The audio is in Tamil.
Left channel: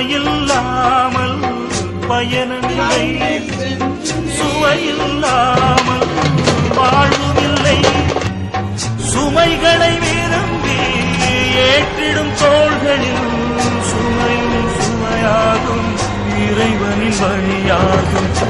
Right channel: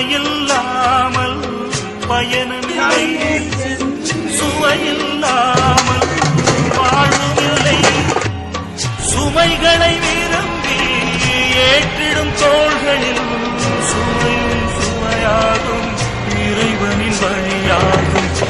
சுவையில்லாமல் பயணமில்லை சுவையில்லாமல் வாழ்வில்லை சுமைகளை விரும்பி ஏற்றிடும் தோள்களில் சுமை சுவையாகும் இறைவனின் வழியாகும்.